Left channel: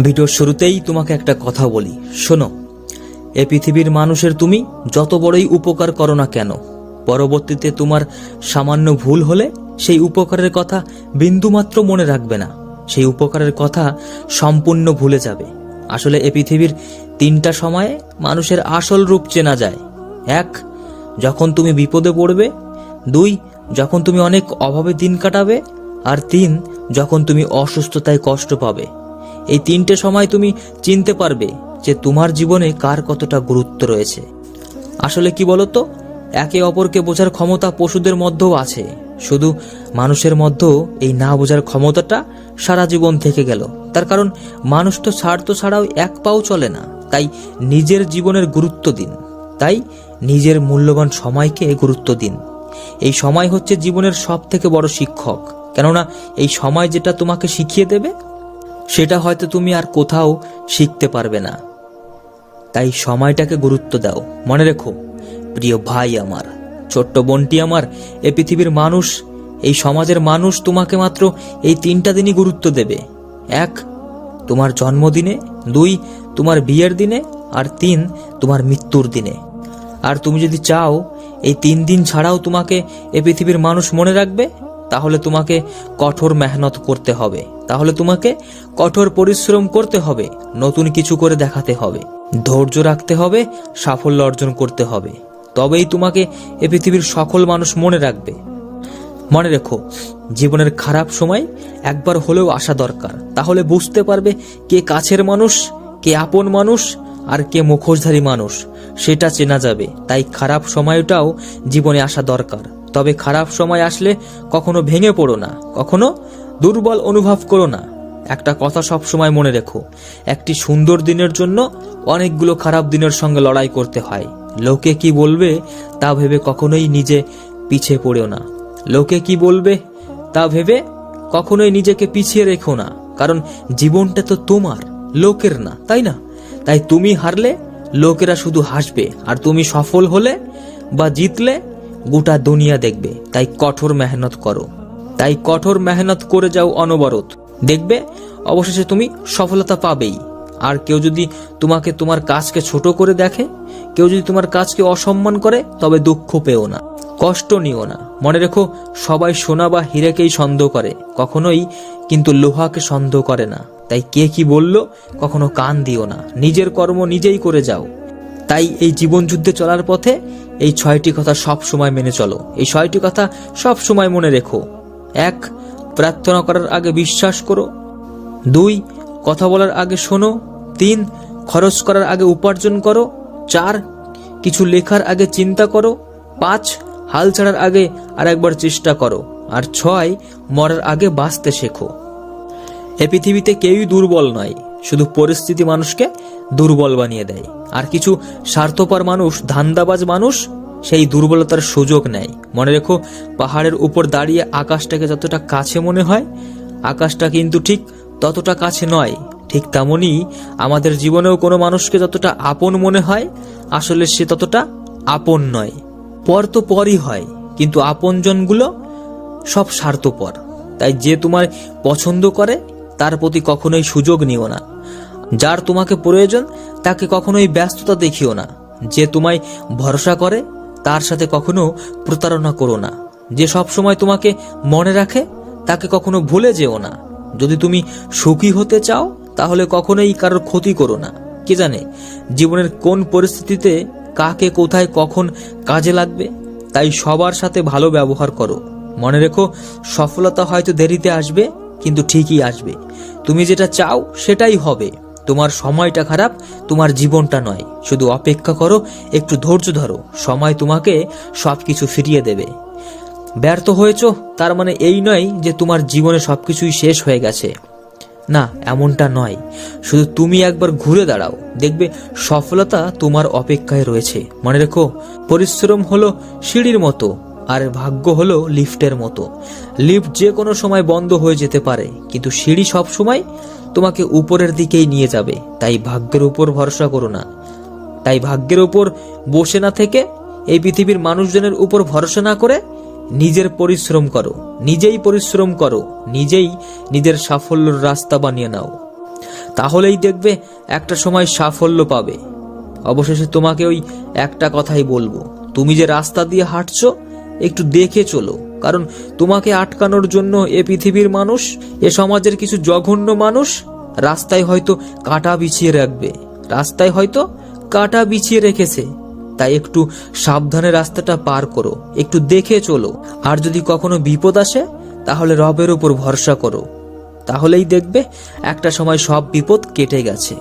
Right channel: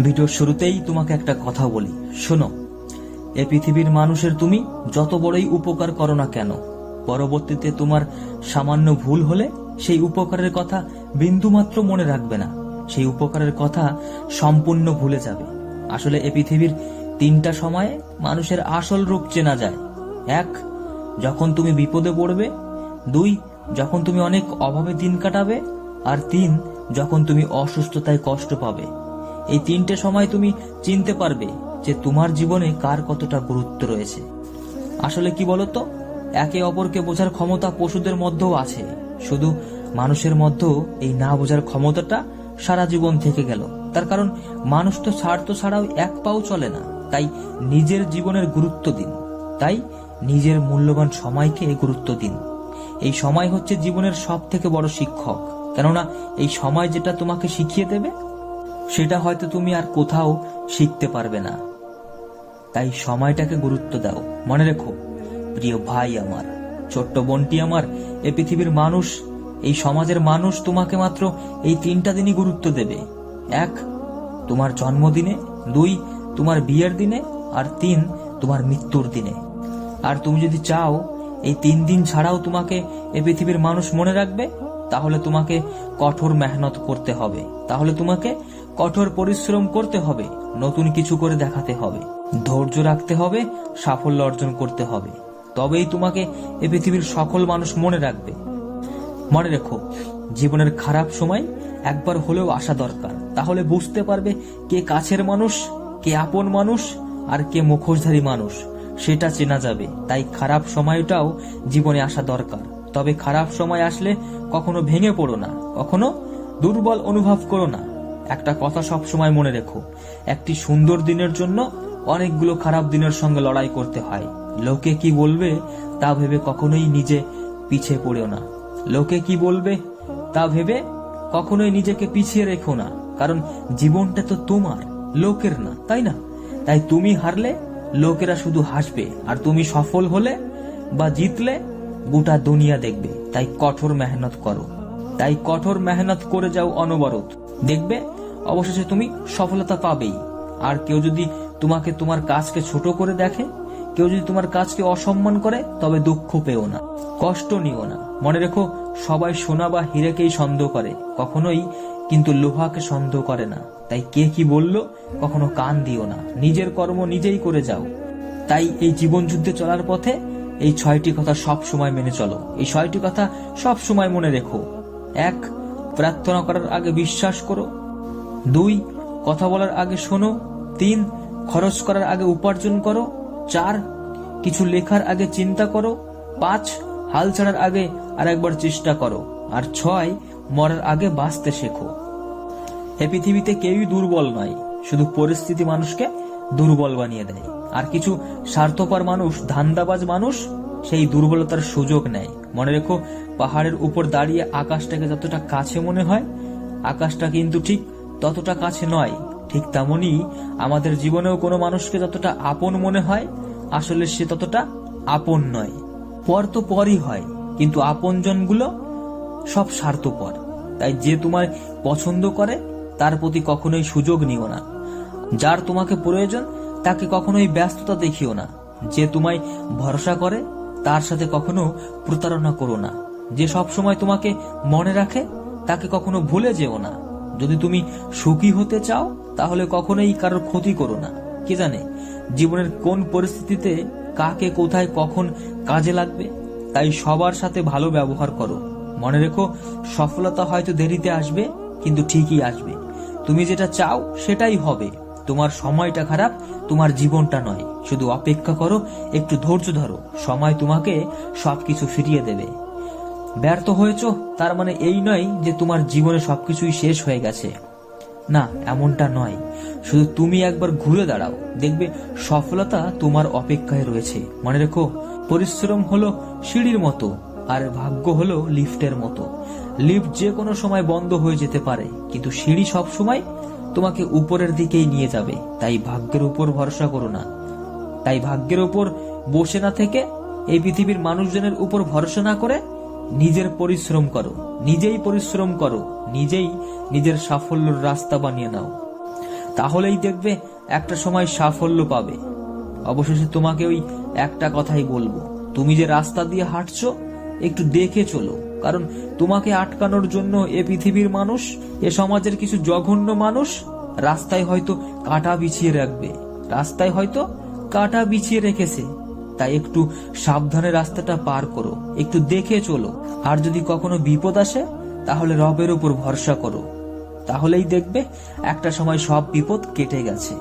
ভিডিওর শুরুতেই তোমাকে একটা কথা বলি, শোনো। এ পৃথিবীর মানুষের তুমি যত বড়ই উপকার করো না কেন, পরবর্তীতে তোমার সামান্য ভুল হলে সেই উপকারের কথা বিন্দুমাত্র মনে রাখবে না, সেই উপকারের কথা সম্পূর্ণ ভুলে যাবে। আসলে এ পৃথিবীর তিনটা সময়ে মানুষের আসল রূপ চেনা যায়। এক, যখন তুমি বিপদে পড়বে। দুই, যখন তুমি অনেক অভাবে দিন কাটাবে। আর তিন, যখন তুমি অসুস্থতায় কষ্ট পাবে। এই তিনটে সময় তুমি চিনতে পারবে যে তোমার জীবনে কার কতটা গুরুত্ব রয়েছে। আসলে কি বলতো, একে অপরকে বোঝার ক্ষমতা পশুদের মধ্যেও আছে, শুধু মানুষের মধ্যেও এই না বোঝার ক্ষমতাটা সারা জীবন থেকে গেল। তার কারণ মানুষ তো স্বার্থ ছাড়াও এক পাও চলে না। তাই নিজের জীবনের গুরুত্ব দিন, তাই নিজের মূল্যবান সময়কে গুরুত্ব দিন। এই সময় হচ্ছে জীবনের সব থেকে বড় শিক্ষক, কেননা এই সময় যেটা তোমাকে শিখিয়ে দেবে সেটা হয়তো তুমি আর কোথাও শিখতে পারবে না। তাই সময়টাকে গুরুত্ব দাও। মনে রেখো প্রিয় ভাই আমার, ছোট্ট বোনটি আমার, এ পৃথিবীর মানুষ, এই সমাজের মানুষ তোমাকে মাত্র এই তিনটা দিনই গুরুত্ব দেবে। এক, তোমার জন্মদিনে। দুই, তোমার বিয়ের দিনে। আর তিন, তোমার মৃত্যুর দিনে। আর তুমি যদি চাও এই 3 দিন ছাড়াও তোমাকে এ পৃথিবীর মানুষ মনে রাখবে, তাহলে তোমাকে কঠোর মেহনত করতে হবে, তাহলে তোমাকে কঠোর পরিশ্রম করতে হবে, নতুন কিছু করে দেখাতে হবে, ধৈর্য রাখতে হবে, সাফল্য অর্জন করতে হবে। তবেই তোমাকে এ পৃথিবীর সকল মানুষ মনে রাখবে। মনে রেখো, জীবনের খারাপ সময় একবার হলেও আসা দরকার, তাহলে বুঝতে পারবে কে কাছের মানুষ, কে আপন মানুষ, আর কে মুখোশধারী মানুষ, সেটা চেনা যাবে। তাই খারাপ সময়টাও জীবনে আসা দরকার। তবে খারাপ সময় আসলে কখনো ভেঙে পড়ো না, কখনো দুর্বল অনুভব করো না। একটা কথা সব সময় মনে রেখো, একটি সুন্দর দিনের জন্য অনেকগুলো খারাপ দিনের সঙ্গে লড়াই করতে হয়। লোকে কি বলবে তা ভেবে কখনোই নিজে পিছিয়ে পড়েও না। লোকে কি বলবে তা ভেবে কখনোই নিজেকে পিছিয়ে রেখো না, কারণ জীবনটা তো তোমার, লোকের না, তাই না? তাই তুমি হারলে লোকেরা শুধু হাসবে, আর তুমি সফল হলে বা জিতলে গোটা দুনিয়া দেখবে। তাই কঠোর মেহনত করো, তাই কঠোর মেহনত করে যাও অনবরত, দেখবে অবশেষে তুমি সফলতা পাবেই। আর কেউ যদি তোমাকে তোমার কাজকে ছোট করে দেখে, কেউ যদি তোমার কাজকে অসম্মান করে, তবে দুঃখ পেও না, কষ্ট নিও না। মনে রেখো, সবাই সোনা বা হীরেকেই সন্দেহ করে, কখনোই কিন্তু লোহাকে সন্দেহ করে না। তাই কে কি বলল কখনো কান দিও না, নিজের কর্ম নিজেই করে যাও। তাই এই জীবন যুদ্ধে চলার পথে এই 6টি কথা সব সময় মেনে চলো, এই 6টি কথা সব সময় মনে রেখো। 1, প্রার্থনা করার আগে বিশ্বাস করো। 2, কথা বলার আগে শোনো। 3, খরচ করার আগে উপার্জন করো। 4, কিছু লেখার আগে চিন্তা করো। 5, হাল ছাড়ার আগে আর একবার চেষ্টা করো। আর 6, মরার আগে বাঁচতে শেখো। এ পৃথিবীতে কেউই দুর্বল নয়, শুধু পরিস্থিতি মানুষকে দুর্বল বানিয়ে দেয়। আর কিছু স্বার্থপর মানুষ, ধান্দাবাজ মানুষ সেই দুর্বলতার সুযোগ নেয়। মনে রেখো, পাহাড়ের উপর দাঁড়িয়ে আকাশটাকে যতটা কাছে মনে হয়, আকাশটা কিন্তু ঠিক ততটা কাছে নয়। ঠিক তেমনই আমাদের জীবনেও কোনো মানুষকে যতটা আপন মনে হয়, আসলে সে ততটা আপন নয়। পর তো পরই হয়, কিন্তু আপনজনগুলো সব স্বার্থপর। তাই যে তোমার পছন্দ করে তার প্রতি কখনোই সুযোগ নিও না। যার তোমাকে প্রয়োজন তাকে কখনোই ব্যস্ততা দেখিও না। যে তোমায় ভরসা করে তার সাথে কখনো প্রতারণা করো না। যে সব সময় তোমাকে মনে রাখে তাকে কখনো ভুলে যেও না। যদি তুমি সুখী হতে চাও তাহলে কখনোই কারোর ক্ষতি করো না। কে জানে জীবনের কোন পরিস্থিতিতে কাকে কোথায় কখন কাজে লাগবে। তাই সবার সাথে ভালো ব্যবহার করো। মনে রেখো, সফলতা হয়তো দেরিতে আসবে, কিন্তু ঠিকই আসবে। তুমি যেটা চাও সেটাই হবে। তোমার সময়টা খারাপ, তোমার জীবনটা নয়। শুধু অপেক্ষা করো, একটু ধৈর্য ধরো, সময় তোমাকে সবকিছু ফিরিয়ে দেবে। ব্যর্থ হয়েছো তার মানে এই নয় যে তোমার জীবনে সবকিছুই শেষ হয়ে গেছে, না, এমনটা নয়। শুধু তুমি একবার ঘুরে দাঁড়াও, দেখবে সফলতা তোমার অপেক্ষায় রয়েছে। মনে রেখো, পরিশ্রম হলো সিঁড়ির মতো, আর ভাগ্য হলো লিফটের মতো। লিফট যে কোনো সময় বন্ধ হয়ে যেতে পারে, কিন্তু সিঁড়ি সব সময় তোমাকে উপরের দিকেই নিয়ে যাবে। তাই ভাগ্যের উপর ভরসা করো না। তাই ভাগ্যের উপর বসে না থেকে এই পৃথিবীর মানুষজনের উপর ভরসা না করে নিজের পরিশ্রম করো, নিজেই পরিশ্রম করো, নিজেই নিজের সাফল্যের রাস্তা বানিয়ে নাও। তাহলেই দেখবে একটা সময় সাফল্য পাবে। অবশেষে তোমাকে ওই একটা কথাই বলবো, তুমি যে রাস্তা দিয়ে হাঁটছো একটু দেখে চলো, কারণ তোমাকে আটকানোর জন্য এ পৃথিবীর মানুষ, এ সমাজের কিছু জঘন্য মানুষ রাস্তায় হয়তো কাঁটা বিছিয়ে রাখবে, রাস্তায় হয়তো কাঁটা বিছিয়ে রেখেছে। তাই একটু সাবধানে রাস্তাটা পার করো, একটু দেখে চলো। আর যদি কখনো বিপদ আসে তাহলে রবের উপর ভরসা করো, তাহলেই দেখবে একটা সময় সব বিপদ কেটে গেছে।